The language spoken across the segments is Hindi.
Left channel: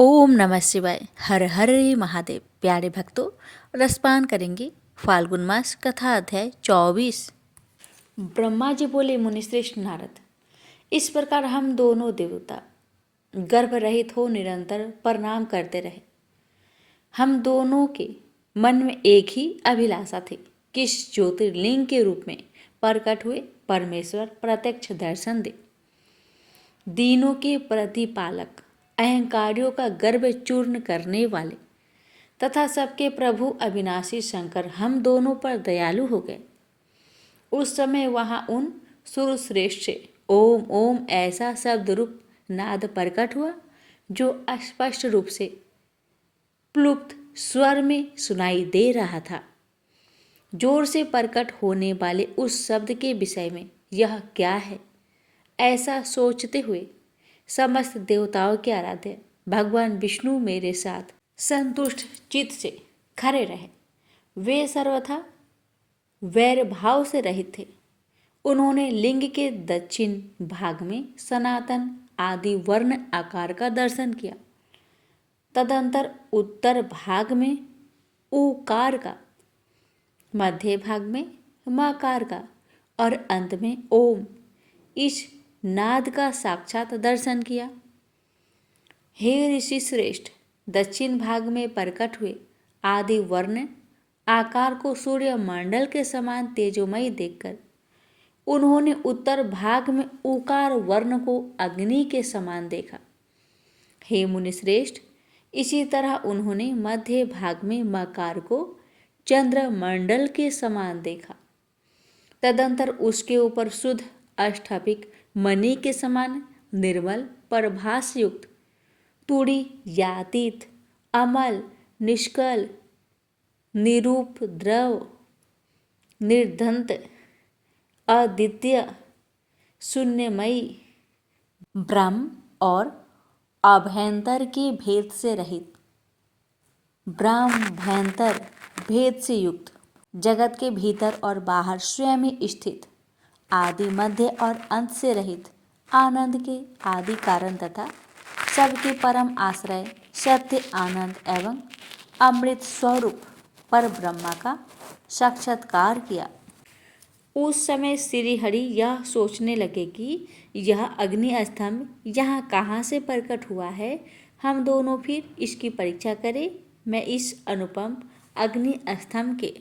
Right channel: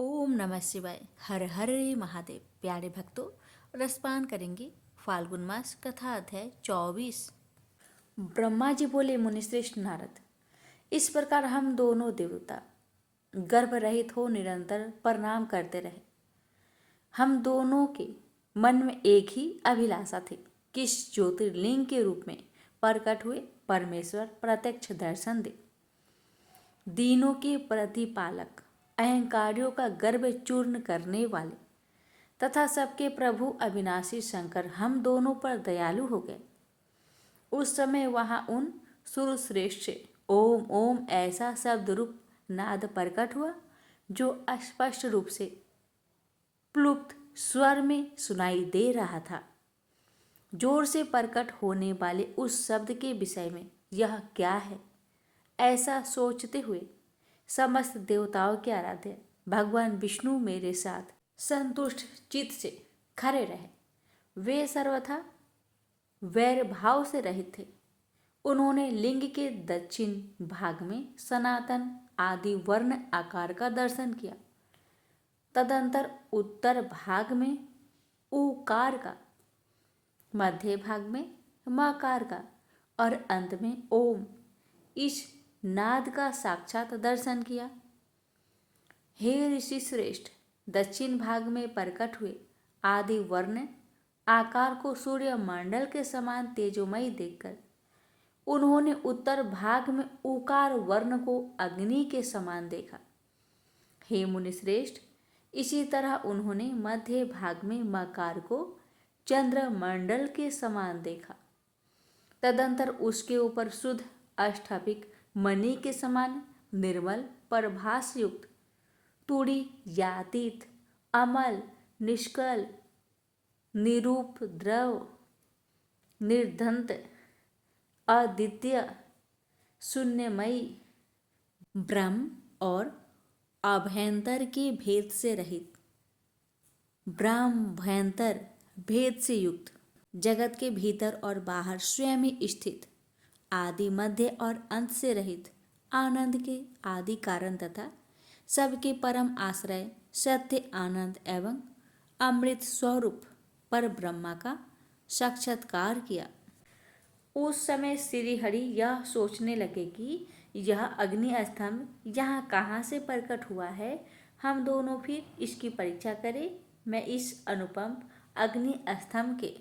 ओम नमः शिवाय। हर हर महादेव। प्यारे भक्तों, रसपान करेंगे फाल्गुन मास कथा अध्याय 24। ब्रह्मा जी बोले, मुनिश्रेष्ठ नारद, इस प्रकार हम दोनों देवता गर्भ रहित हो निरंतर प्रणाम करते रहे। हम दोनों के मन में एक ही अभिलाषा थी, किस ज्योतिर्लिंग के रूप में प्रकट हुए परमेश्वर प्रत्यक्ष दर्शन दे। दीनों के प्रतिपालक, अहंकारियों का गर्भ चूर्ण करने वाले तथा सबके प्रभु अविनाशी शंकर हम दोनों पर दयालु हो गए। उस समय वहां उन सुरश्रेष्ठ से ओम ओम ऐसा शब्द रूप नाद प्रकट हुआ जो स्पष्ट रूप से प्लुप्त स्वर में सुनाई दे रहा था। जोर से प्रकट होने वाले उस शब्द के विषय में यह क्या है, ऐसा सोचते हुए समस्त देवताओं के आराध्य भगवान विष्णु मेरे साथ संतुष्ट चित्त से खड़े रहे। वे सर्वथा वैर भाव से रहित थे। उन्होंने लिंग के दक्षिण भाग में सनातन आदि वर्ण आकार का दर्शन किया। तदंतर उत्तर भाग में उकार का, मध्य भाग में मकार का और अंत में ओम इस नाद का साक्षात दर्शन किया। हे ऋषि श्रेष्ठ, दक्षिण भाग में प्रकट हुए आदि वर्ण आकार को सूर्य मंडल के समान तेजोमयी देखकर उन्होंने उत्तर भाग में उकार वर्ण को अग्नि के समान देखा। हे मुनिश्रेष्ठ, इसी तरह उन्होंने मध्य भाग में मकार को चंद्र मंडल के समान देखा। तदंतर उसके ऊपर शुद्ध अष्टापिक मणि के समान निर्मल प्रभास युक्त तुड़ी यातीत अमल निष्कल निरूप द्रव निर्धंत अद्वितीय शून्यमयी ब्रह्म और अभ्यंतर के भेद से रहित, ब्रह्म भयंतर भेद से युक्त, जगत के भीतर और बाहर स्वयं ही स्थित, आदि मध्य और अंत से रहित, आनंद के आदि कारण तथा सबके परम आश्रय सत्य आनंद एवं अमृत स्वरूप पर ब्रह्मा का साक्षात्कार किया। उस समय श्री हरि यह सोचने लगे कि यह अग्नि स्तंभ यहाँ कहाँ से प्रकट हुआ है। हम दोनों फिर इसकी परीक्षा करें। मैं इस अनुपम अग्नि स्तंभ के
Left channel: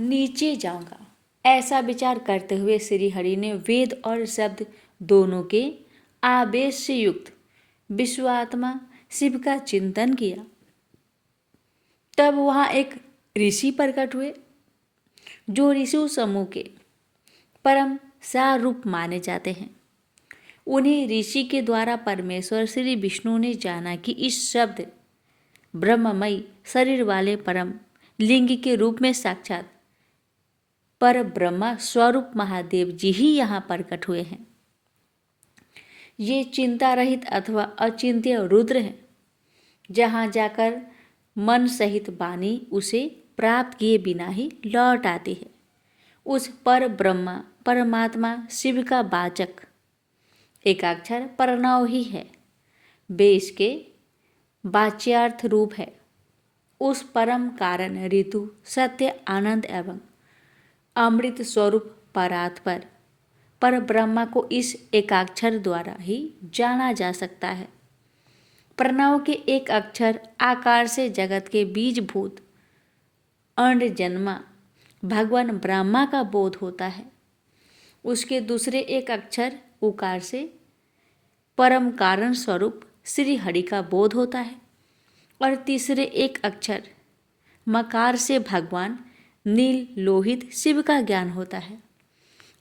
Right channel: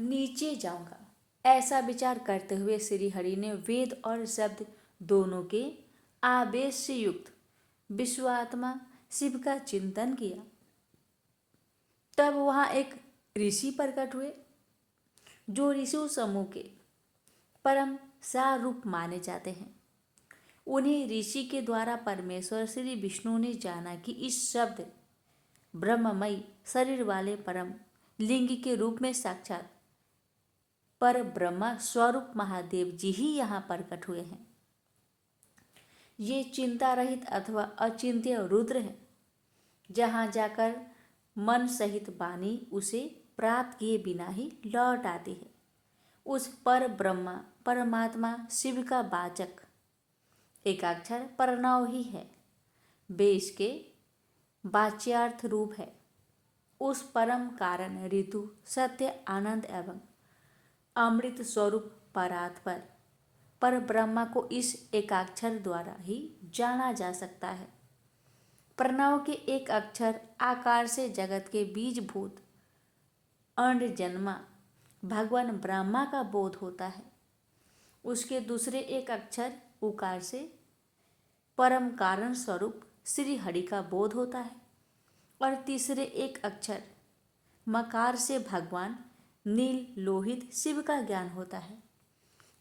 नीचे जाऊंगा। ऐसा विचार करते हुए श्री हरि ने वेद और शब्द दोनों के आवेश से युक्त विश्वात्मा शिव का चिंतन किया। तब वहां एक ऋषि प्रकट हुए जो ऋषि समूह के परम सारूप माने जाते हैं। उन्हीं ऋषि के द्वारा परमेश्वर श्री विष्णु ने जाना कि इस शब्द ब्रह्ममयी शरीर वाले परम लिंग के रूप में साक्षात पर ब्रह्मा स्वरूप महादेव जी ही यहाँ प्रकट हुए हैं। ये चिंता रहित अथवा अचिंत्य रुद्र हैं। जहाँ जाकर मन सहित वाणी उसे प्राप्त किए बिना ही लौट आती है। उस पर ब्रह्मा परमात्मा शिव का वाचक एकाक्षर प्रणव ही है। वे इसके वाच्यार्थ रूप है। उस परम कारण ऋतु सत्य आनंद एवं अमृत स्वरूप परात्पर पर ब्रह्मा को इस एकाक्षर द्वारा ही जाना जा सकता है। प्रणव के एक अक्षर आकार से जगत के बीजभूत अंड जन्मा भगवान ब्रह्मा का बोध होता है। उसके दूसरे एक अक्षर उकार से परम कारण स्वरूप श्री हरि का बोध होता है और तीसरे एक अक्षर मकार से भगवान नील लोहित शिव का ज्ञान होता है।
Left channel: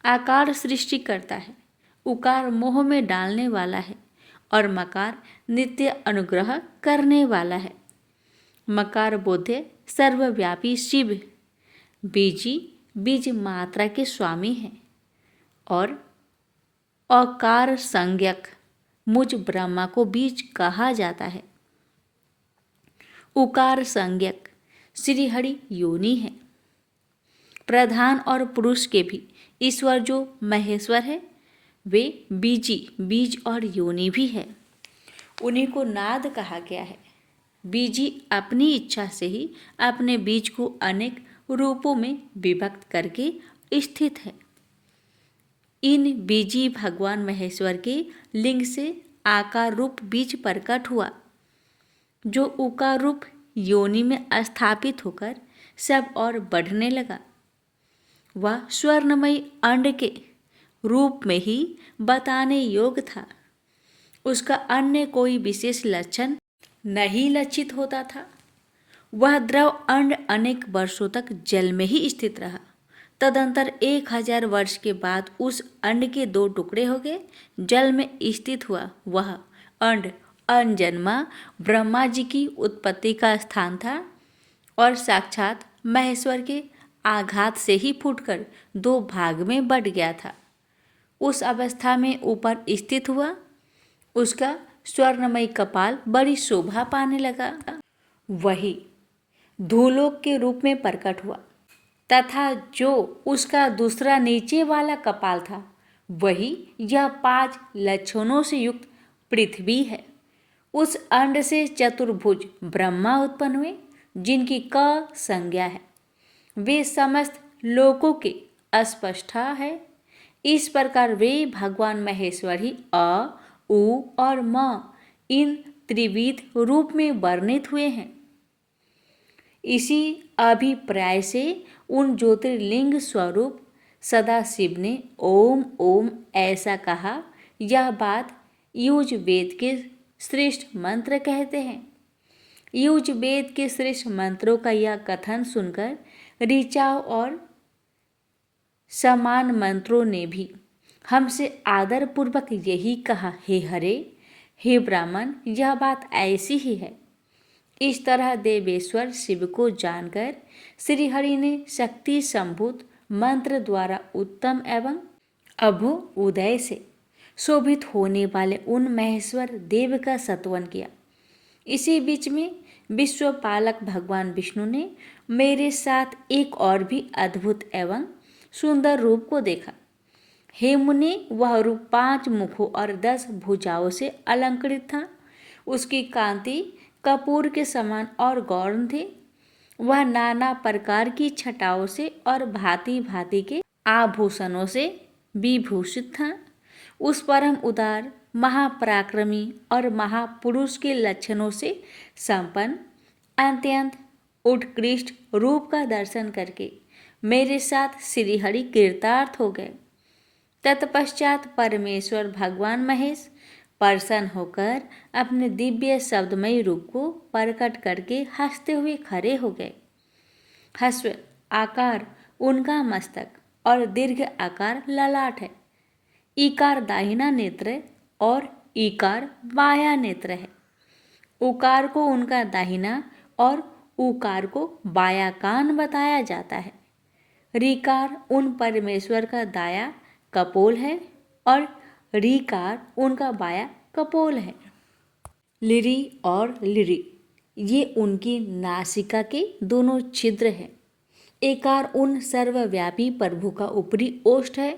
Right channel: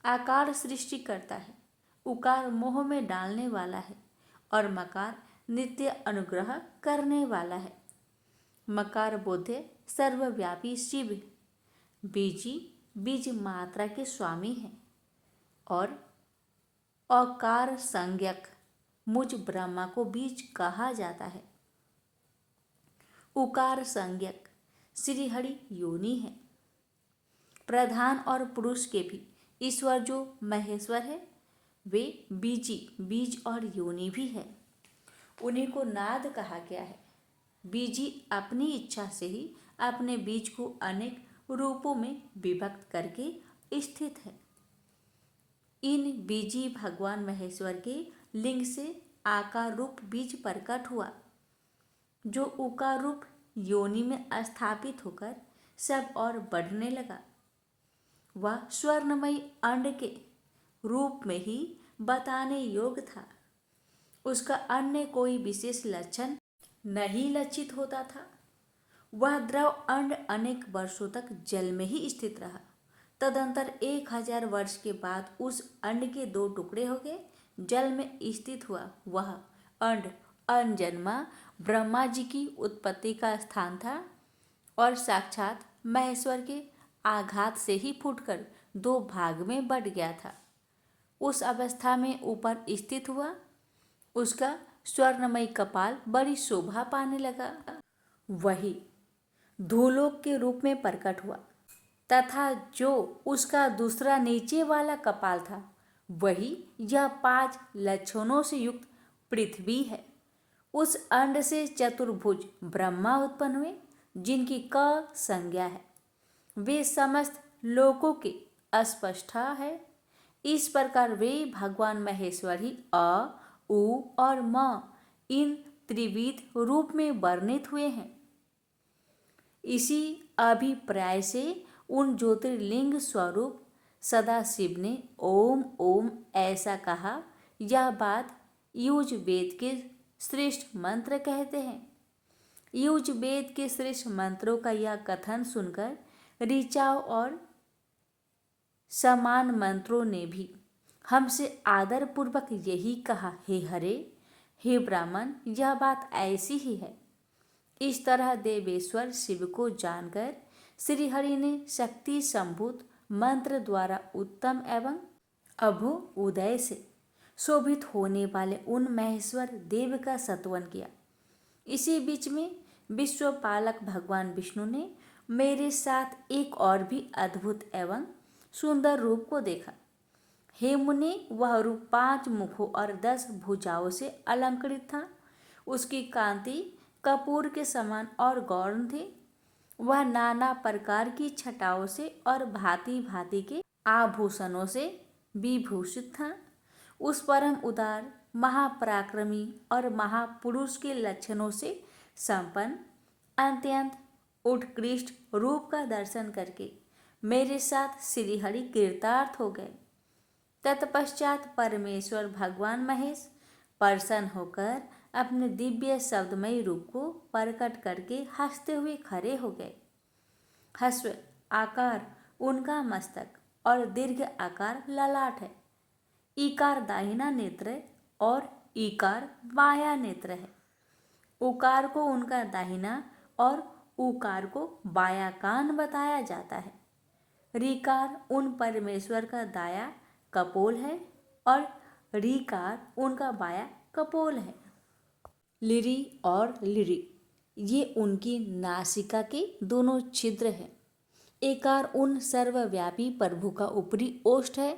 आकार सृष्टि करता है, उकार मोह में डालने वाला है और मकार नित्य अनुग्रह करने वाला है। मकार बोधे सर्वव्यापी शिव बीजी बीज मात्रा के स्वामी हैं और अकार संज्ञक मुझ ब्रह्मा को बीज कहा जाता है। उकार संज्ञक श्री हरि योनि है। प्रधान और पुरुष के भी ईश्वर जो महेश्वर है वे बीजी बीज और योनि भी है। उन्हीं को नाद कहा गया है। बीजी अपनी इच्छा से ही अपने बीज को अनेक रूपों में विभक्त करके स्थित है। इन बीजी भगवान महेश्वर के लिंग से आकार रूप बीज प्रकट हुआ, जो उकार रूप योनि में स्थापित होकर सब और बढ़ने लगा। वह स्वर्णमयी अंड के रूप में ही बताने योग्य था। उसका अन्य कोई विशेष लक्षण नहीं लक्षित होता था। वह द्रव अंड अनेक वर्षों तक जल में ही स्थित रहा। तदंतर 1000 वर्ष के बाद उस अंड के 2 टुकड़े हो गए। जल में स्थित हुआ वह अंड अनजन्मा ब्रह्मा जी की उत्पत्ति का स्थान था और साक्षात महेश्वर के आघात से ही फूटकर 2 भाग में बट गया था। उस अवस्था में ऊपर स्थित हुआ उसका स्वर्णमयी कपाल बड़ी शोभा पाने लगा। वही धूलोक के रूप में प्रकट हुआ तथा जो उसका दूसरा नीचे वाला कपाल था वही यह 5 लक्षणों से युक्त पृथ्वी है। उस अंड से चतुर्भुज ब्रह्मा उत्पन्न हुए, जिनकी क संज्ञा है। वे समस्त लोकों के अस्पष्टा है। इस प्रकार वे भगवान महेश्वर ही अ, उ और म इन त्रिविध रूप में वर्णित हुए हैं। इसी अभिप्राय से उन ज्योतिर्लिंग स्वरूप सदाशिव ने ओम ओम ऐसा कहा। यह बात युज वेद के श्रेष्ठ मंत्र कहते हैं। युज वेद के श्रेष्ठ मंत्रों का यह कथन सुनकर ऋचाओं और समान मंत्रों ने भी हमसे आदर पूर्वक यही कहा, हे हरे, हे ब्राह्मण, यह बात ऐसी ही है। इस तरह देवेश्वर शिव को जानकर श्रीहरि ने शक्ति संभूत मंत्र द्वारा उत्तम एवं अभु उदय से शोभित होने वाले उन महेश्वर देव का स्तवन किया। इसी बीच में विश्वपालक भगवान विष्णु ने मेरे साथ एक और भी अद्भुत एवं सुंदर रूप को देखा। हे मुनि, वह रूप 5 मुखों और 10 भुजाओं से अलंकृत था। उसकी कांति कपूर के समान और गौण थी। वह नाना प्रकार की छटाओं से और भांति भांति के आभूषणों से विभूषित था। उस परम उदार, महापराक्रमी और महापुरुष के लक्षणों से संपन्न अत्यंत उत्कृष्ट रूप का दर्शन करके मेरे साथ श्रीहरि कृतार्थ हो गए। तत्पश्चात परमेश्वर भगवान महेश प्रसन्न होकर अपने दिव्य शब्दमयी रूप को प्रकट करके हंसते हुए खड़े हो गए। हस्व आकार उनका मस्तक और दीर्घ आकार ललाट है। ईकार दाहिना नेत्र और ईकार बायां नेत्र है। उकार को उनका दाहिना और उकार को बायां कान बताया जाता है। ऋकार उन परमेश्वर का दाया कपोल है और ऋकार उनका बाया कपोल है। लिरि और लिरि ये उनकी नासिका के दोनों छिद्र हैं। एकार उन सर्वव्यापी प्रभु का ऊपरी ओष्ठ है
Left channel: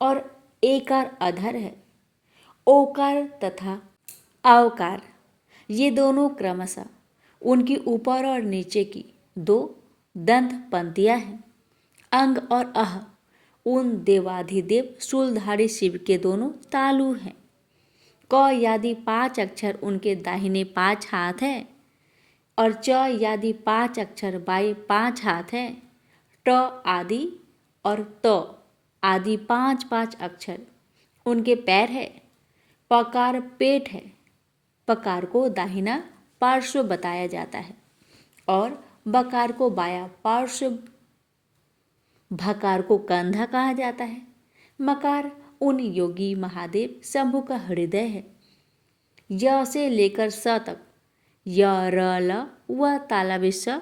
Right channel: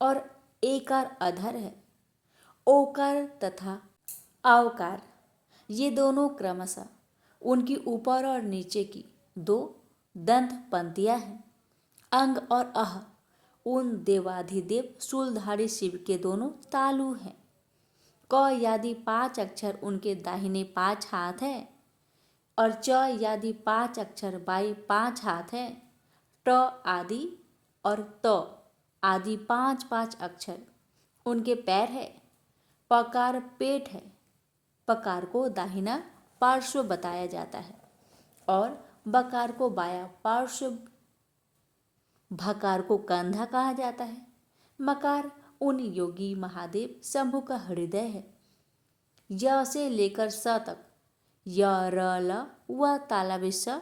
और एकार अधर है। ओकार तथा आवकार ये दोनों क्रमशः उनकी ऊपर और नीचे की 2 दंत पंक्तियां हैं। अंग और अह उन देवाधिदेव शूलधारी शिव के दोनों तालु हैं। क यादि 5 अक्षर उनके दाहिने 5 हाथ हैं और च यादि 5 अक्षर बाएं 5 हाथ हैं। ट आदि और त आदि 5 अक्षर उनके पैर है। पकार पेट है। पकार को दाहिना पार्श्व बताया जाता है और बकार को बायां पार्श्व, भकार को कंधा कहा जाता है। मकार उन योगी महादेव शंभु का हृदय है। य से लेकर स तक य, र, ल व तालव्य स,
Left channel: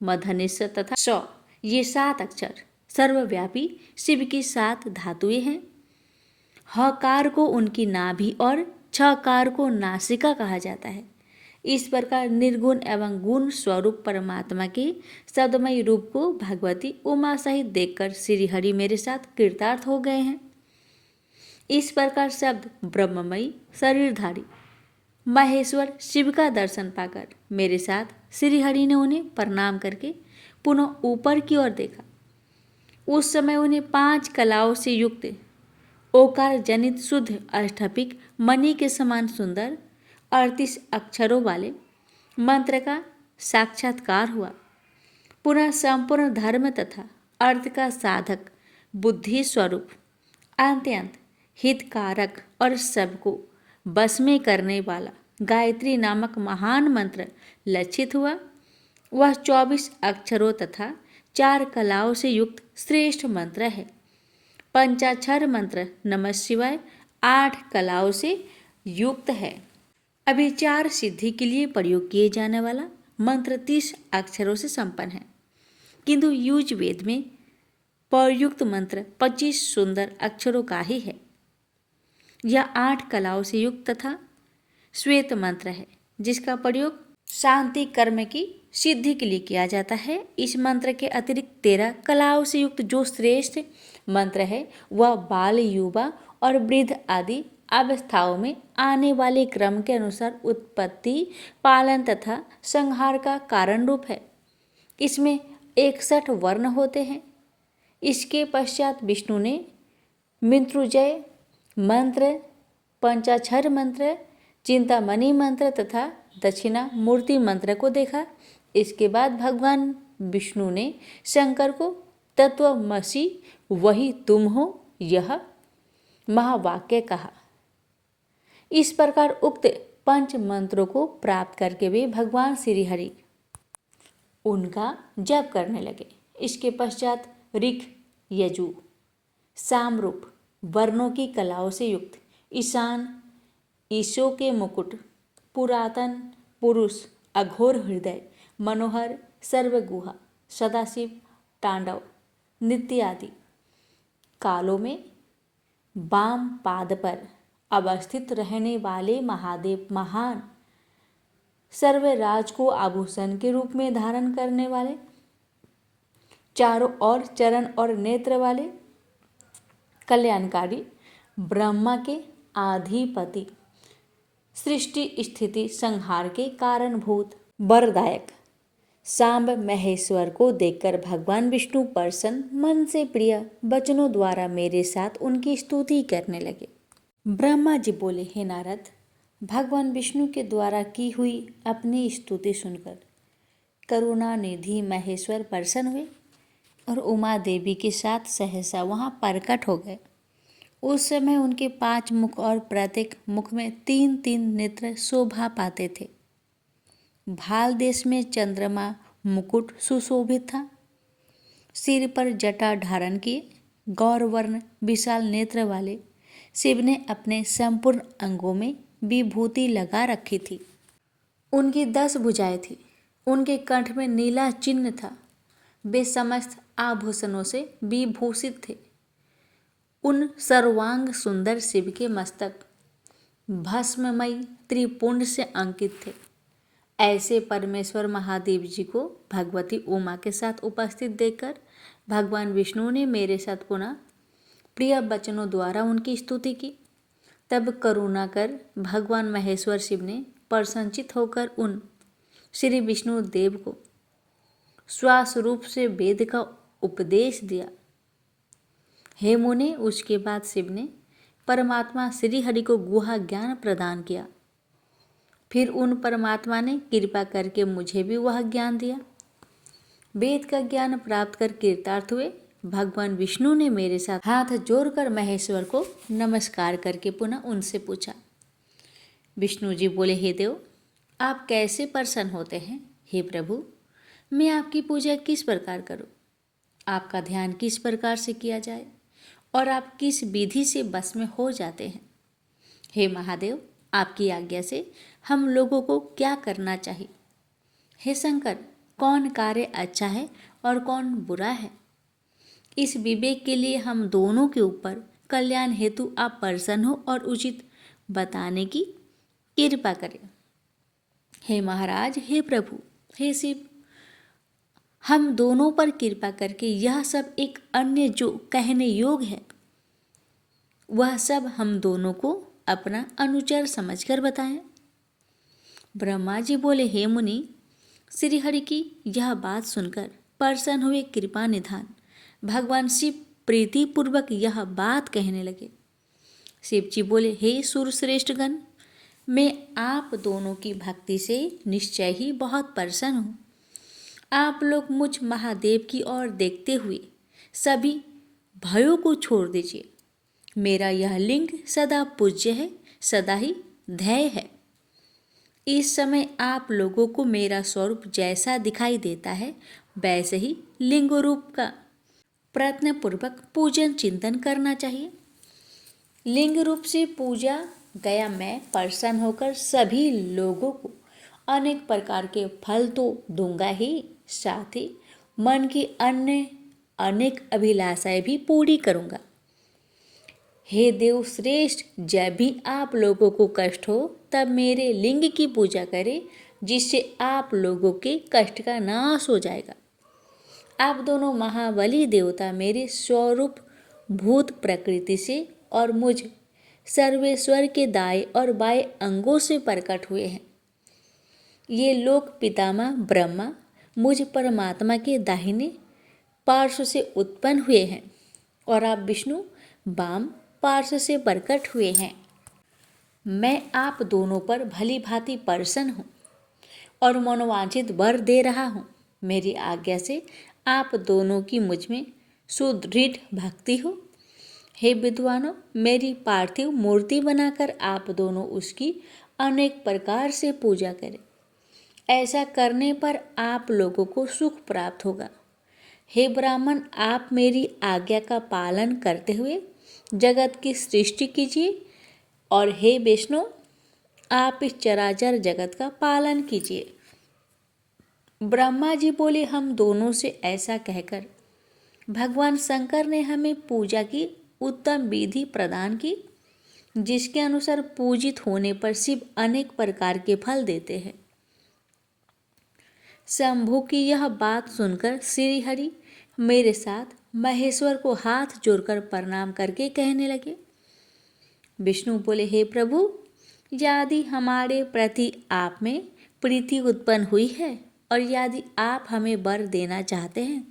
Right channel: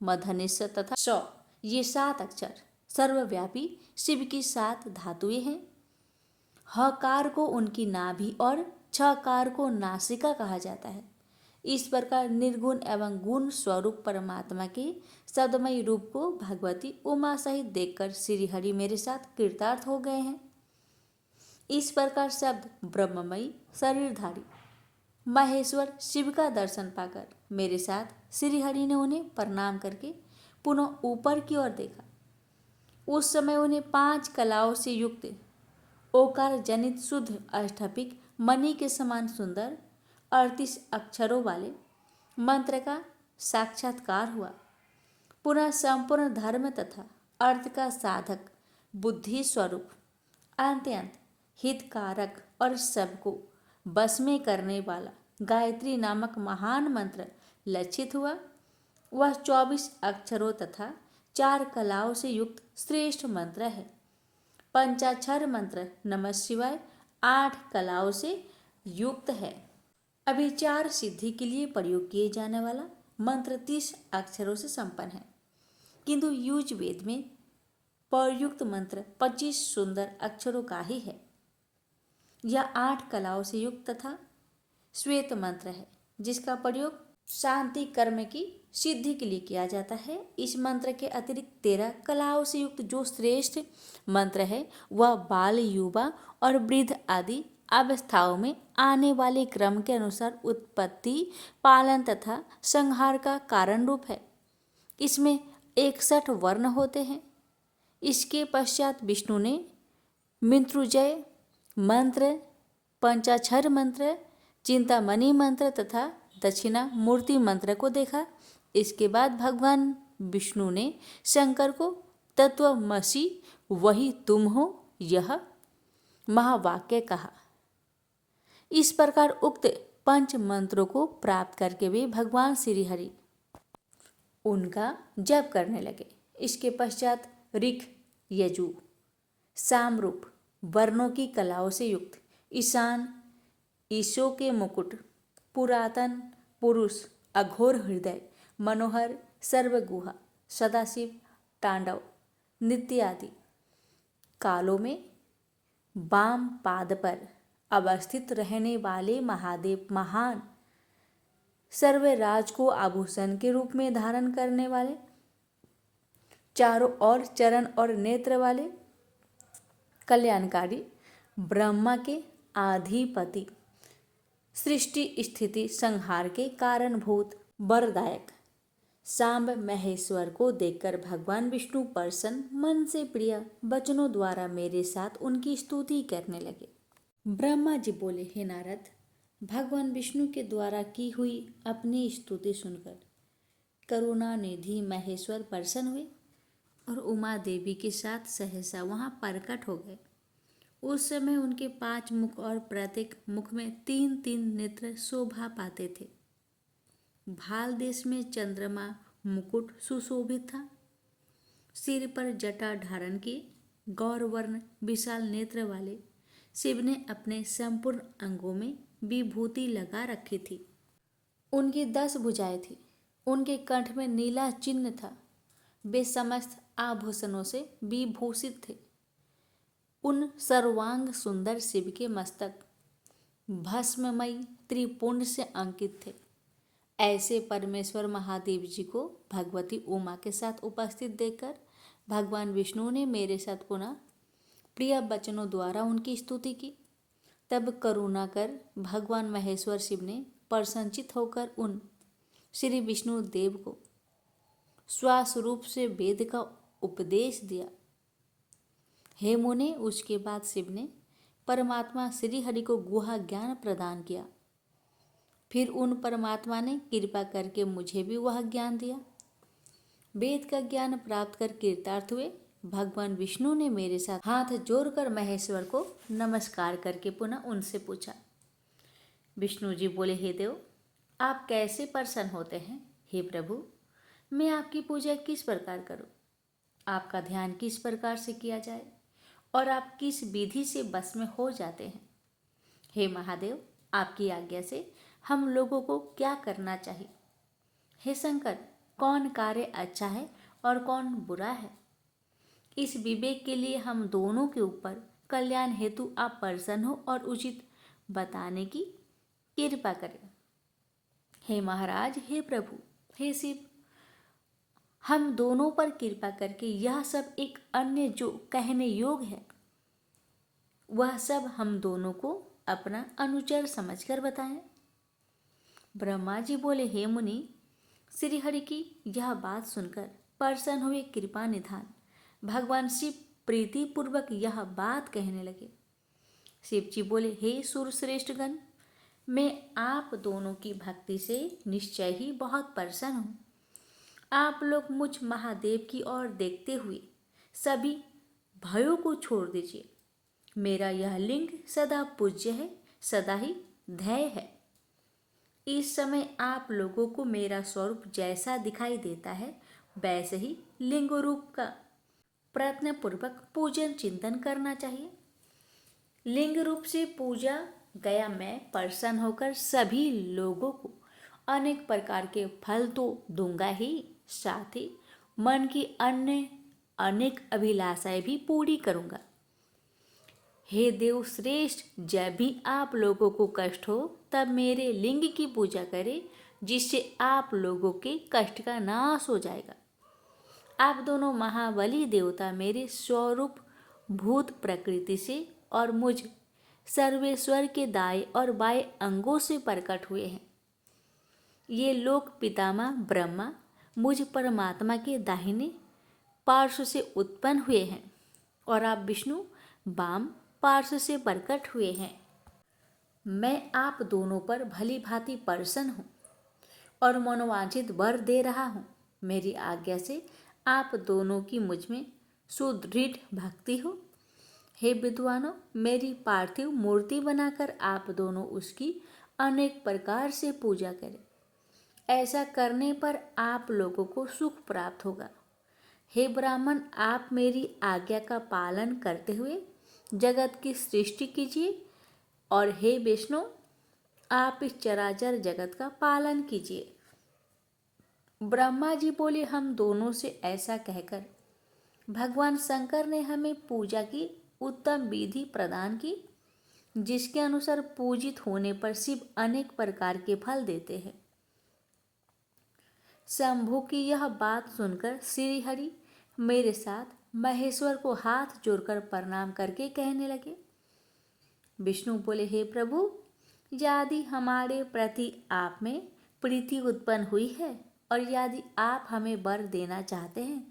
मधन्य स तथा स ये 7 अक्षर सर्वव्यापी शिव की 7 धातुएं हैं। हकार को उनकी नाभि और छकार को नासिका कहा जाता है। इस प्रकार निर्गुण एवं गुण स्वरूप परमात्मा के शब्दमय रूप को भगवती उमा सहित देखकर श्रीहरि मेरे साथ कृतार्थ हो गए हैं। इस प्रकार शब्द ब्रह्ममयी शरीरधारी महेश्वर शिव का दर्शन पाकर मेरे साथ श्रीहरि ने उन्हें प्रणाम करके पुनः ऊपर की ओर देखा। उस समय उन्हें 5 कलाओं से युक्त ओकार जनित शुद्ध अष्टभिक मणि के समान सुंदर 38 अक्षरों वाले मंत्र का साक्षात्कार हुआ। पुनः संपूर्ण धर्म तथा अर्थ का साधक, बुद्धि स्वरूप, अत्यंत हितकारक और सबको बस में करने वाला गायत्री नामक महान मंत्र लक्षित हुआ। वह 24 अक्षरों तथा 4 कलाओं से युक्त श्रेष्ठ मंत्र है। पंचाक्षर मंत्र नमः शिवाय 8 कलाओं से युक्त है। अभिचार सिद्धि के लिए प्रयोग किए जाने वाला मंत्र 30 अक्षरों से संपन्न है, किंतु युजवेद में प्रयुक्त मंत्र 25 सुंदर अक्षरों का ही है। यह 8 कलाओं से युक्त तथा श्वेत मंत्र है, जिसका प्रयोग शांति कर्म की सिद्धि के लिए किया जाता है। इस मंत्र के अतिरिक्त 13 कलाओं से युक्त जो श्रेष्ठ मंत्र है वह बाल, युवा और वृद्ध आदि अवस्थाओं में आने वाले क्रम के अनुसार उत्पत्ति, पालन तथा संहार का कारण रूप है। इसमें 61 वर्ण होते हैं। इसके पश्चात विष्णु ने मृत्युंजय मंत्र, पंचाक्षर मंत्र, चिंतामणि मंत्र तथा दक्षिणा मूर्ति मंत्र को देखा। इसके बाद भगवान विष्णु ने शंकर को तत्वमसि वही तुम हो यह महावाक्य कहा। इस प्रकार उक्त 5 मंत्रों को प्राप्त करके वे भगवान श्रीहरि उनका जप करने लगे। इसके पश्चात ऋक्, यजु, सामरूप वर्णों की कलाओं से युक्त ईशान, ईशो के मुकुट, पुरातन पुरुष, अघोर हृदय, मनोहर, सर्वगुहा, सदाशिव, तांडव, नित्य आदि कालों में वाम पाद पर अवस्थित रहने वाले महादेव, महान सर्वराज को आभूषण के रूप में धारण करने वाले, चारों ओर चरण और नेत्र वाले, कल्याणकारी, ब्रह्मा के आधिपति, सृष्टि स्थिति संहार के कारणभूत, वरदायक सांब महेश्वर को देखकर भगवान विष्णु प्रसन्न मन से प्रिय वचनों द्वारा मेरे साथ उनकी स्तुति करने लगे। ब्रह्मा जी बोले, हे नारद, भगवान विष्णु के द्वारा की हुई अपनी स्तुति सुनकर करुणा निधि महेश्वर प्रसन्न हुए और उमा देवी के साथ सहसा वहाँ प्रकट हो गए। उस समय उनके 5 मुख और प्रत्येक मुख में 3-3 नेत्र शोभा पाते थे। भाल देश में चंद्रमा मुकुट सुशोभित था। सिर पर जटा धारण किए गौरवर्ण विशाल नेत्र वाले शिव ने अपने संपूर्ण अंगों में विभूति लगा रखी थी। उनकी 10 भुजाएं थी। उनके कंठ में नीला चिन्ह था। वे समस्त आभूषणों से विभूषित थे। उन सर्वांग सुंदर शिव के मस्तक भस्ममयी त्रिपुंड से अंकित थे। ऐसे परमेश्वर महादेव जी को भगवती उमा के साथ उपस्थित देखकर भगवान विष्णु ने मेरे साथ पुनः प्रिय वचनों द्वारा उनकी स्तुति की। तब करुणा कर भगवान महेश्वर शिव ने प्रसन्नचित होकर उन श्री विष्णु देव को स्वस्वरूप से वेद का उपदेश दिया। हे मुने, उसके बाद शिव ने परमात्मा श्री हरि को गुहा ज्ञान प्रदान किया। फिर उन परमात्मा ने कृपा करके मुझे भी वह ज्ञान दिया। वेद का ज्ञान प्राप्त कर कृतार्थ हुए भगवान विष्णु ने मेरे साथ हाथ जोड़कर महेश्वर को नमस्कार करके पुनः उनसे पूछा। विष्णु जी बोले, हे देव, आप कैसे प्रसन्न होते हैं? हे प्रभु, मैं आपकी पूजा किस प्रकार करूं? आपका ध्यान किस प्रकार से किया जाए और आप किस विधि से बस में हो जाते हैं? हे महादेव, आपकी आज्ञा से हम लोगों को क्या करना चाहिए? हे शंकर, कौन कार्य अच्छा है और कौन बुरा है? इस विवेक के लिए हम दोनों के ऊपर कल्याण हेतु आप प्रसन्न हो और उचित बताने की कृपा करें। हे महाराज, हे प्रभु, हे शिव, हम दोनों पर कृपा करके यह सब एक अन्य जो कहने योग्य है वह सब हम दोनों को अपना अनुचर समझकर बताएं। ब्रह्मा जी बोले, हे मुनि, श्री हरि की यह बात सुनकर प्रसन्न हुए कृपा निधान भगवान शिव प्रीतिपूर्वक यह बात कहने लगे। शिव जी बोले, हे सुरश्रेष्ठगण, मैं आप दोनों की भक्ति से निश्चय ही बहुत प्रसन्न हूँ। आप लोग मुझ महादेव की ओर देखते हुए सभी भयों को छोड़ दीजिए। मेरा यह लिंग सदा पूज्य है, सदा ही ध्येय है। इस समय आप लोगों को मेरा स्वरूप जैसा दिखाई देता है वैसे ही लिंग रूप का प्रयत्नपूर्वक पूजन चिंतन करना चाहिए। लिंग रूप से पूजा गया मैं प्रसन्न होकर सभी लोगों को अनेक प्रकार के फल तो दूंगा ही, साथ ही मन की अन्य अनेक अभिलाषाएं भी पूरी करूंगा। हे देव श्रेष्ठ, जब भी आप लोगों को कष्ट हो तब मेरे लिंग की पूजा करें, जिससे आप लोगों के कष्ट का नाश हो जाएगा। आप दोनों महाबली देवता मेरे स्वरूप भूत प्रकृति से और मुझ सर्वेश्वर के दाएं और बाएं अंगों से प्रकट हुए हैं। ये लोक पितामह ब्रह्मा मुझ परमात्मा के दाहिने पार्श्व से उत्पन्न हुए हैं और आप विष्णु वाम पार्श्व से प्रकट हुए हैं। मैं आप दोनों पर भली भांति प्रसन्न हूँ और मनोवांछित वर दे रहा हूँ। मेरी आज्ञा से आप दोनों की मुझ में सुदृढ़ भक्ति हो। हे विद्वानों, मेरी पार्थिव मूर्ति बनाकर आप दोनों उसकी अनेक प्रकार से पूजा करें। ऐसा करने पर आप लोगों को सुख प्राप्त होगा। हे ब्राह्मण, आप मेरी आज्ञा का पालन करते हुए जगत की सृष्टि कीजिए और हे विष्णु, आप इस चराचर जगत का पालन कीजिए। ब्रह्मा जी बोले, हम दोनों से ऐसा कहकर भगवान शंकर ने हमें पूजा की उत्तम विधि प्रदान की, जिसके अनुसार पूजित होने पर शिव अनेक प्रकार के फल देते हैं। शंभु की यह बात सुनकर श्री हरि मेरे साथ महेश्वर को हाथ जोड़कर प्रणाम करके कहने लगे। विष्णु बोले, हे प्रभु, यदि हमारे प्रति आप में प्रीति उत्पन्न हुई है और यदि आप हमें वर देना चाहते हैं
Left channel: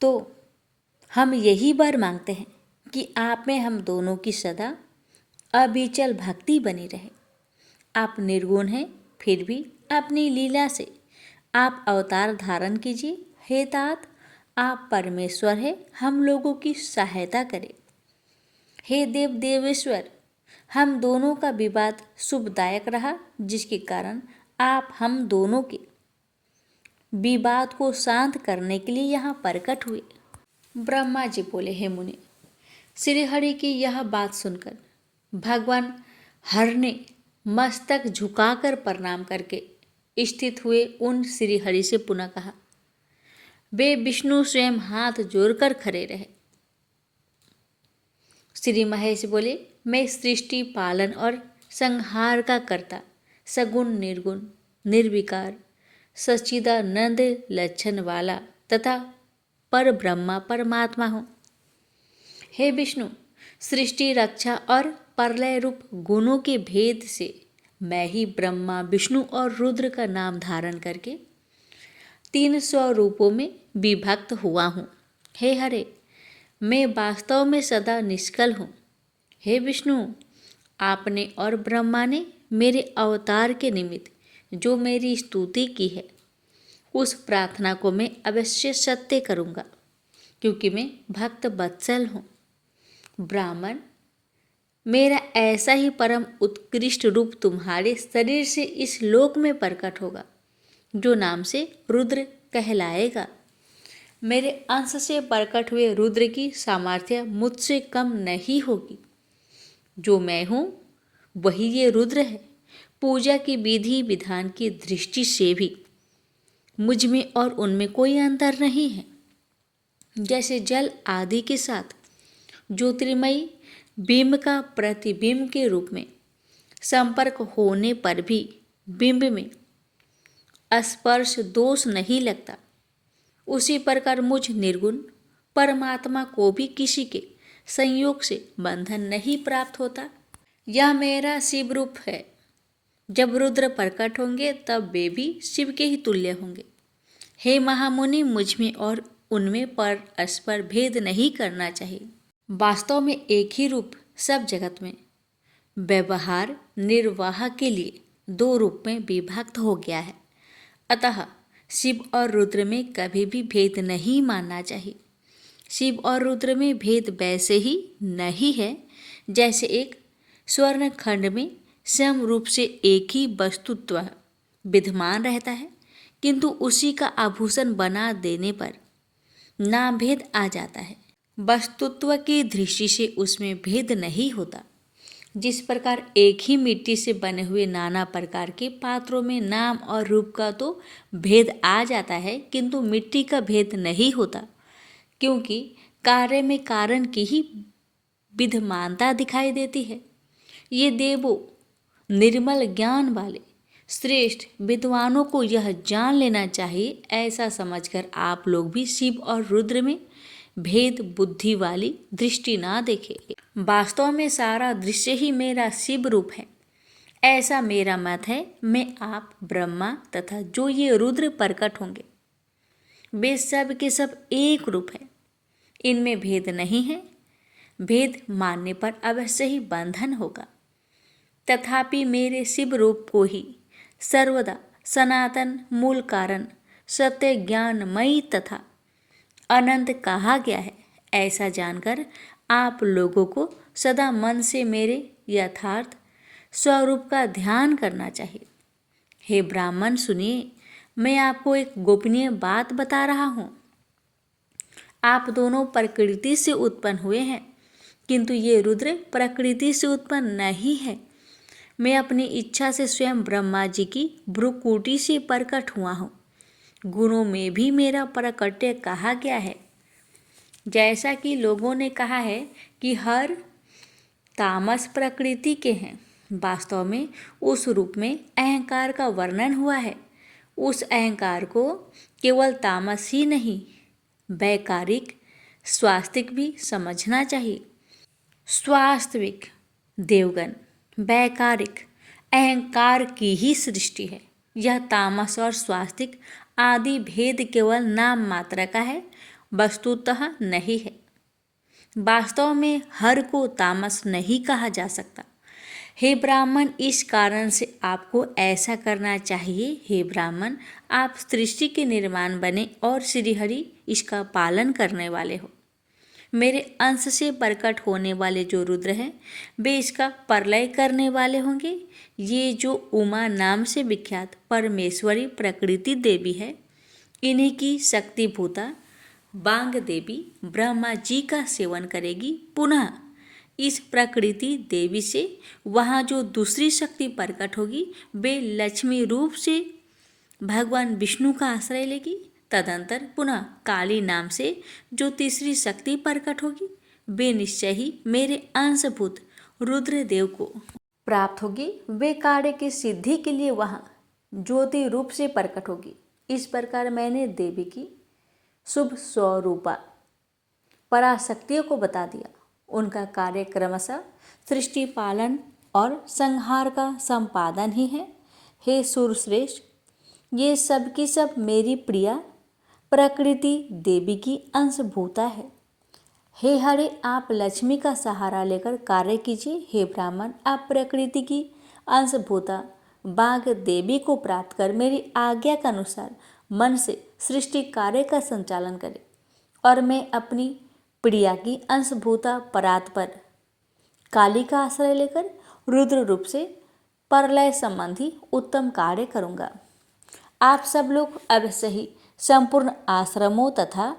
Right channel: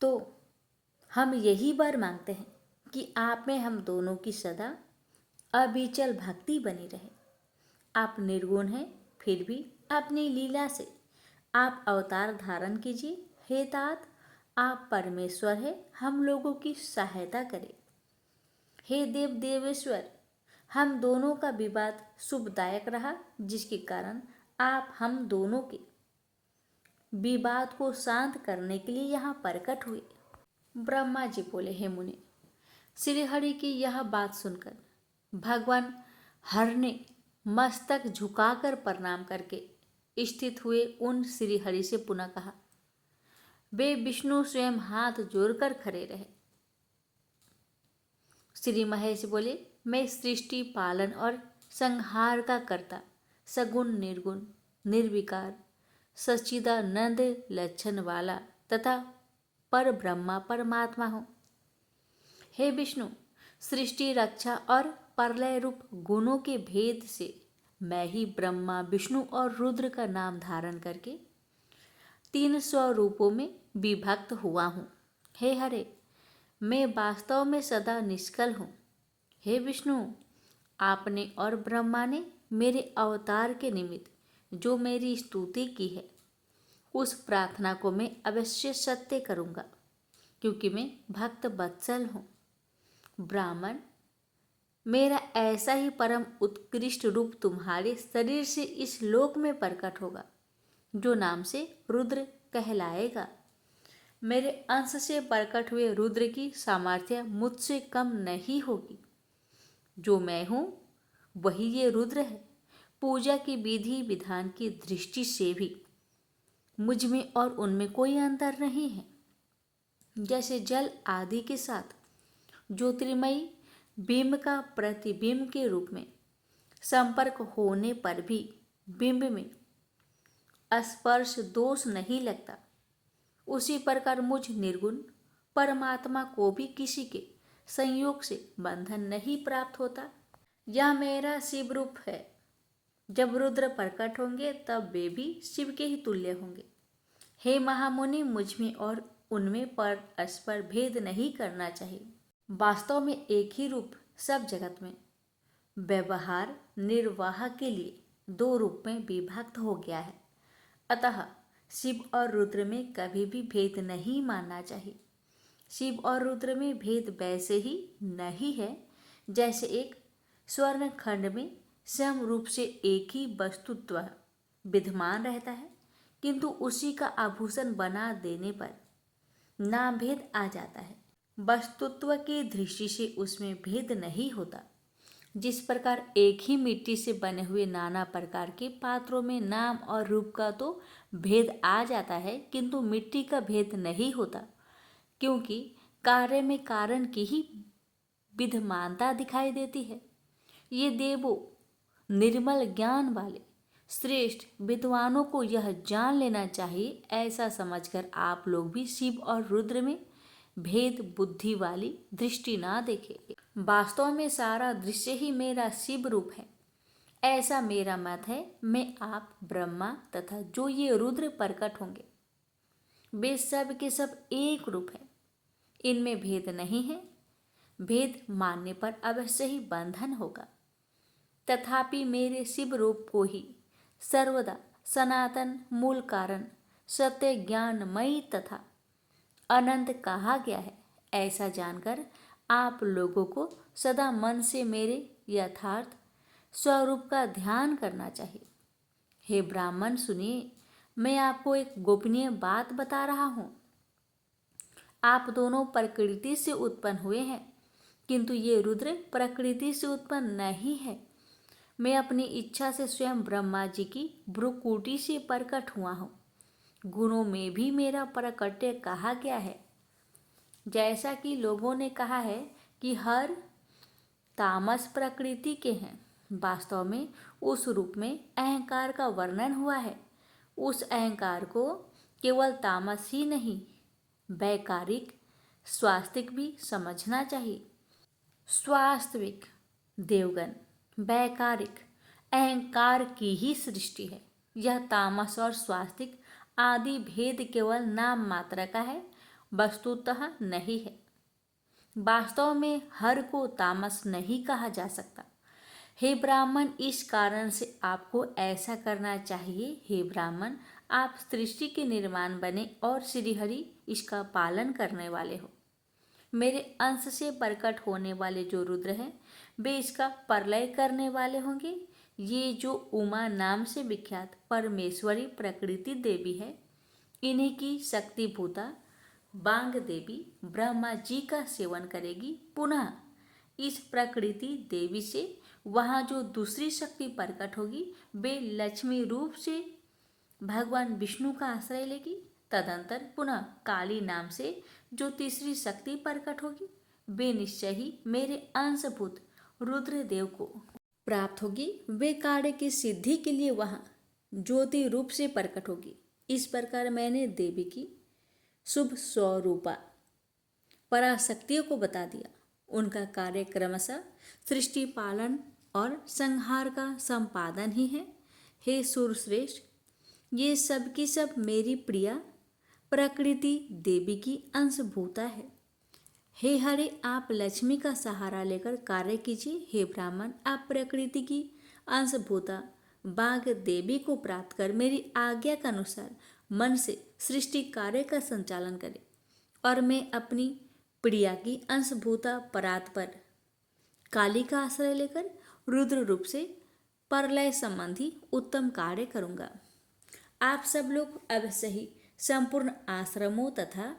तो हम यही वर मांगते हैं कि आप में हम दोनों की सदा अविचल भक्ति बनी रहे। आप निर्गुण हैं, फिर भी अपनी लीला से आप अवतार धारण कीजिए। हे तात, आप परमेश्वर हैं, हम लोगों की सहायता करें। हे देव देवेश्वर, हम दोनों का विवाद शुभदायक रहा, जिसके कारण आप हम दोनों के विवाद को शांत करने के लिए यहाँ प्रकट हुए। ब्रह्मा जी बोले, हे मुनि, श्री हरि की यह बात सुनकर भगवान हर ने मस्तक झुकाकर प्रणाम करके स्थित हुए उन श्री हरि से पुनः कहा। वे विष्णु स्वयं हाथ जोड़कर खड़े रहे। श्री महेश बोले, मैं सृष्टि पालन और संहार का कर्ता, सगुण निर्गुण निर्विकार सच्चिदानंद लक्षण वाला तथा पर ब्रह्मा परमात्मा हूँ। हे विष्णु, सृष्टि रक्षा और प्रलय रूप गुणों के भेद से मैं ही ब्रह्मा विष्णु और रुद्र का नाम धारण करके 300 रूपों में विभक्त हुआ हूँ। हे हरे, मैं वास्तव में सदा निष्कल हूँ। हे विष्णु, आपने और ब्रह्मा ने मेरे अवतार के निमित्त जो मेरी स्तुति की है, उस प्रार्थना को मैं अवश्य सत्य करूँगा, क्योंकि मैं भक्त वत्सल हूँ। ब्राह्मण, मेरा ऐसा ही परम उत्कृष्ट रूप तुम्हारे शरीर से इस लोक में प्रकट होगा, जो नाम से रुद्र कहलाएगा। मेरे अंश से प्रकट हुए रुद्र की सामर्थ्य मुझसे कम नहीं होगी। जो मैं हूँ वही ये रुद्र है। पूजा की विधि विधान की दृष्टि से भी मुझ में और उनमें कोई अंतर नहीं है। जैसे जल आदि के साथ ज्योतिर्मयी बिंब का प्रतिबिंब के रूप में संपर्क होने पर भी बिंब में स्पर्श दोष नहीं लगता, उसी प्रकार मुझ निर्गुण परमात्मा को भी किसी के संयोग से बंधन नहीं प्राप्त होता। यह मेरा शिव रूप है। जब रुद्र प्रकट होंगे तब वे भी शिव के ही तुल्य होंगे। हे महामुनि, मुझ में और उनमें परस्पर भेद नहीं करना चाहिए। वास्तव में एक ही रूप सब जगत में व्यवहार निर्वाह के लिए दो रूप में विभक्त हो गया है। अतः शिव और रुद्र में कभी भी भेद नहीं मानना चाहिए। शिव और रुद्र में भेद वैसे ही नहीं है जैसे एक स्वर्ण खंड में सम रूप से एक ही वस्तुत्व विद्यमान रहता है, किंतु उसी का आभूषण बना देने पर नाम भेद आ जाता है। वस्तुत्व की दृष्टि से उसमें भेद नहीं होता। जिस प्रकार एक ही मिट्टी से बने हुए नाना प्रकार के पात्रों में नाम और रूप का तो भेद आ जाता है, किंतु मिट्टी का भेद नहीं होता, क्योंकि कार्य में कारण की ही विद्यमानता दिखाई देती है। ये देवों, निर्मल ज्ञान वाले श्रेष्ठ विद्वानों को यह जान लेना चाहिए। ऐसा समझकर आप लोग भी शिव और रुद्र में भेद बुद्धि वाली दृष्टि ना देखें। वास्तव में सारा दृश्य ही मेरा शिव रूप है, ऐसा मेरा मत है। मैं, आप, ब्रह्मा तथा जो ये रुद्र प्रकट होंगे, वे सब के सब एक रूप है। इनमें भेद नहीं है। भेद मानने पर अवश्य ही बंधन होगा। तथापि मेरे शिव रूप को ही सर्वदा सनातन मूल कारण सत्य ज्ञानमयी तथा अनंत कहा गया है। ऐसा जानकर आप लोगों को सदा मन से मेरे यथार्थ स्वरूप का ध्यान करना चाहिए। हे ब्राह्मण, सुनिए, मैं आपको एक गोपनीय बात बता रहा हूँ। आप दोनों प्रकृति से उत्पन्न हुए हैं, किंतु ये रुद्र प्रकृति से उत्पन्न नहीं है। मैं अपनी इच्छा से स्वयं ब्रह्मा जी की भ्रुकुटी से प्रकट हुआ हूँ। गुणों में भी मेरा प्राकट्य कहा गया है। जैसा कि लोगों ने कहा है कि हर तामस प्रकृति के हैं, वास्तव में उस रूप में अहंकार का वर्णन हुआ है। उस अहंकार को केवल तामस ही नहीं, वैकारिक स्वास्तिक भी समझना चाहिए। स्वास्तिक देवगण वैकारिक अहंकार की ही सृष्टि है। यह तामस और स्वास्तिक आदि भेद केवल नाम मात्र का है, वस्तुतः नहीं है। वास्तव में हर को तामस नहीं कहा जा सकता। हे ब्राह्मण, इस कारण से आपको ऐसा करना चाहिए। हे ब्राह्मण, आप सृष्टि के निर्माण बने और श्रीहरि इसका पालन करने वाले हो। मेरे अंश से प्रकट होने वाले जो रुद्र हैं, वे इसका प्रलय करने वाले होंगे। ये जो उमा नाम से विख्यात परमेश्वरी प्रकृति देवी है, इन्हीं की शक्तिभूता बांग देवी ब्रह्मा जी का सेवन करेगी। पुनः इस प्रकृति देवी से वहाँ जो दूसरी शक्ति प्रकट होगी, वे लक्ष्मी रूप से भगवान विष्णु का आश्रय लेगी। तदंतर पुनः काली नाम से जो तीसरी शक्ति प्रकट होगी, वे निश्चय ही मेरे अंशभूत रुद्रदेव को प्राप्त होगी। वे कार्य की सिद्धि के लिए वहाँ ज्योति रूप से प्रकट होगी। इस प्रकार मैंने देवी की शुभ स्वरूपा पराशक्तियों को बता दिया। उनका कार्य क्रमशः सृष्टि पालन और संहार का संपादन ही है। हे सूरश्रेष्ठ, ये सब की सब मेरी प्रिया प्रकृति देवी की अंशभूता है। हे हरे, आप लक्ष्मी का सहारा लेकर कार्य कीजिए। हे ब्राह्मण, आप प्रकृति की अंशभूता बाघ देवी को प्राप्त कर मेरी आज्ञा के अनुसार मन से सृष्टि कार्य का संचालन करें, और मैं अपनी प्रिया की अंशभूता परात पर काली का आश्रय लेकर रुद्र रूप से प्रलय संबंधी उत्तम कार्य करूँगा। आप सब लोग अवश्य ही संपूर्ण आश्रमों तथा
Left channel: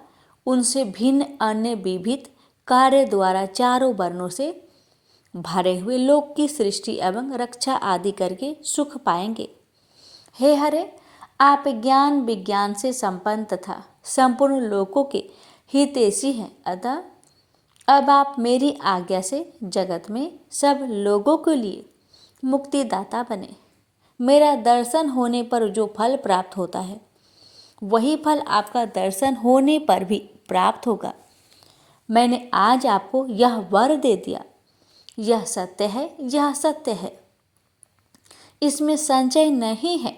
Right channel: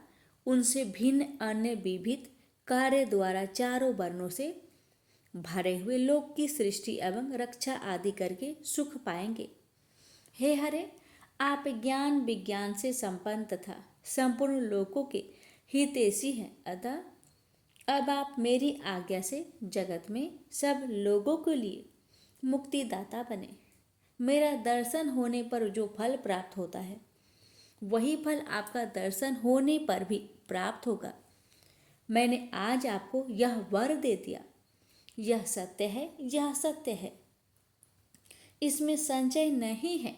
उनसे भिन्न अन्य विविध कार्य द्वारा चारों वर्णों से भरे हुए लोक की सृष्टि एवं रक्षा आदि करके सुख पाएंगे। हे हरे, आप ज्ञान विज्ञान से संपन्न तथा संपूर्ण लोकों के हितैषी हैं। अतः अब आप मेरी आज्ञा से जगत में सब लोगों के लिए मुक्तिदाता बने। मेरा दर्शन होने पर जो फल प्राप्त होता है, वही फल आपका दर्शन होने पर भी प्राप्त होगा। मैंने आज आपको यह वर दे दिया। यह सत्य है, यह सत्य है। इसमें संशय नहीं है।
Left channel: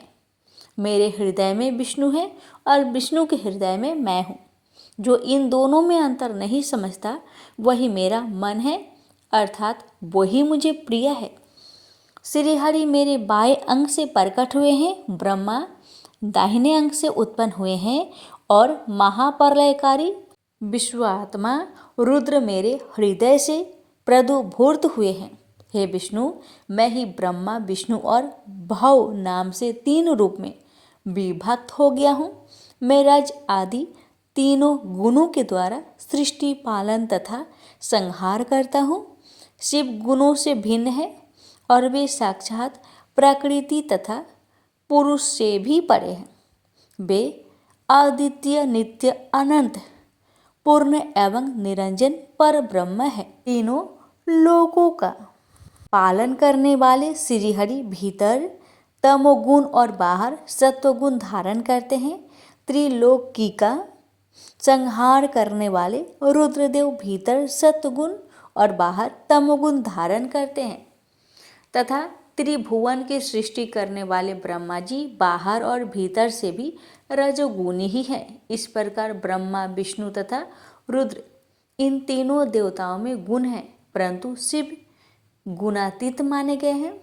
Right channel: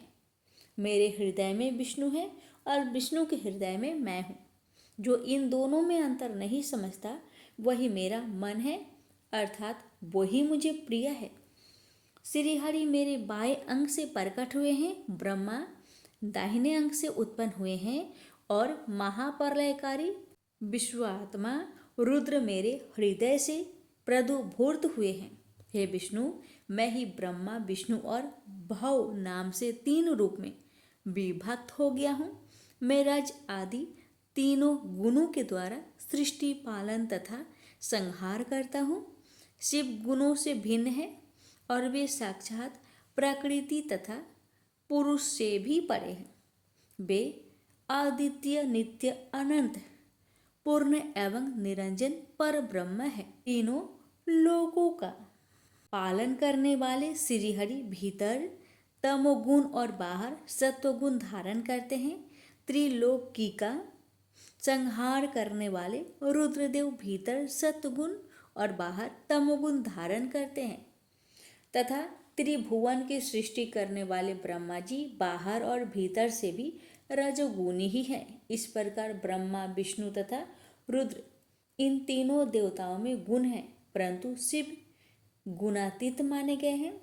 मेरे हृदय में विष्णु है और विष्णु के हृदय में मैं हूँ। जो इन दोनों में अंतर नहीं समझता वही मेरा मन है, अर्थात वही मुझे प्रिय है। श्रीहरि मेरे बाएं अंग से प्रकट हुए हैं, ब्रह्मा दाहिने अंग से उत्पन्न हुए हैं और महाप्रलयकारी विश्वात्मा रुद्र मेरे हृदय से प्रदुभूत हुए हैं। हे विष्णु, मैं ही ब्रह्मा विष्णु और भव नाम से 3 रूप में विभक्त हो गया हूँ। मैं रज आदि तीनों गुणों के द्वारा सृष्टि पालन तथा संहार करता हूँ। शिव गुणों से भिन्न है और वे साक्षात प्रकृति तथा पुरुष से भी परे हैं। वे अद्वितीय नित्य अनंत पूर्ण एवं निरंजन पर ब्रह्म है। तीनों लोकों का पालन करने वाले श्रीहरि भीतर तमोगुण और बाहर सत्वगुण धारण करते हैं। त्रिलोकी का संहार करने वाले रुद्रदेव भीतर सत्वगुण और बाहर तमोगुण धारण करते हैं तथा त्रिभुवन की सृष्टि करने वाले ब्रह्मा जी बाहर और भीतर से भी रजोगुणी ही हैं। इस प्रकार ब्रह्मा विष्णु तथा रुद्र इन तीनों देवताओं में गुण हैं, परंतु शिव गुणातीत माने गए हैं।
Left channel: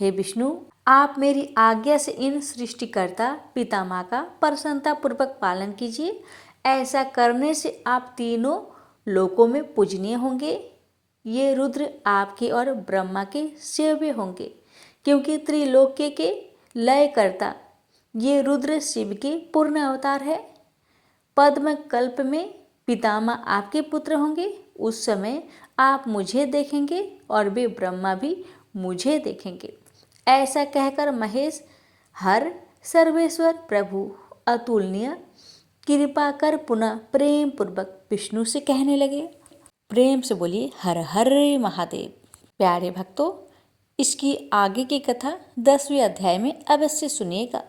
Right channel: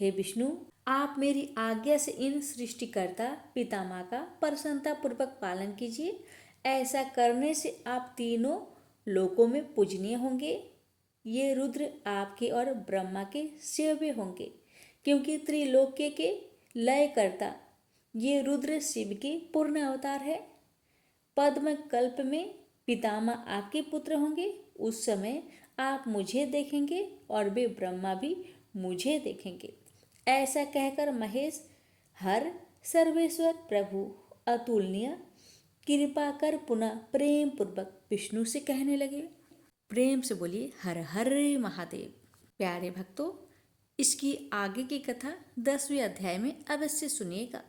हे विष्णु, आप मेरी आज्ञा से इन सृष्टिकर्ता पितामह का प्रसन्नता पूर्वक पालन कीजिए। ऐसा करने से आप तीनों लोकों में पूजनीय होंगे। ये रुद्र आपके और ब्रह्मा के सेव्य होंगे, क्योंकि त्रिलोक्य के लयकर्ता ये रुद्र शिव के पूर्ण अवतार है। पद्म कल्प में पितामह आपके पुत्र होंगे। उस समय आप मुझे देखेंगे और वे ब्रह्मा भी मुझे देखेंगे। ऐसा कहकर महेश हर सर्वेश्वर प्रभु अतुलनीय कृपा कर पुनः प्रेम पूर्वक विष्णु से कहने लगे। प्रेम से बोलिए हर हर महादेव। प्यारे भक्तों, इसकी आगे की कथा 10वें अध्याय में अवश्य सुनिएगा।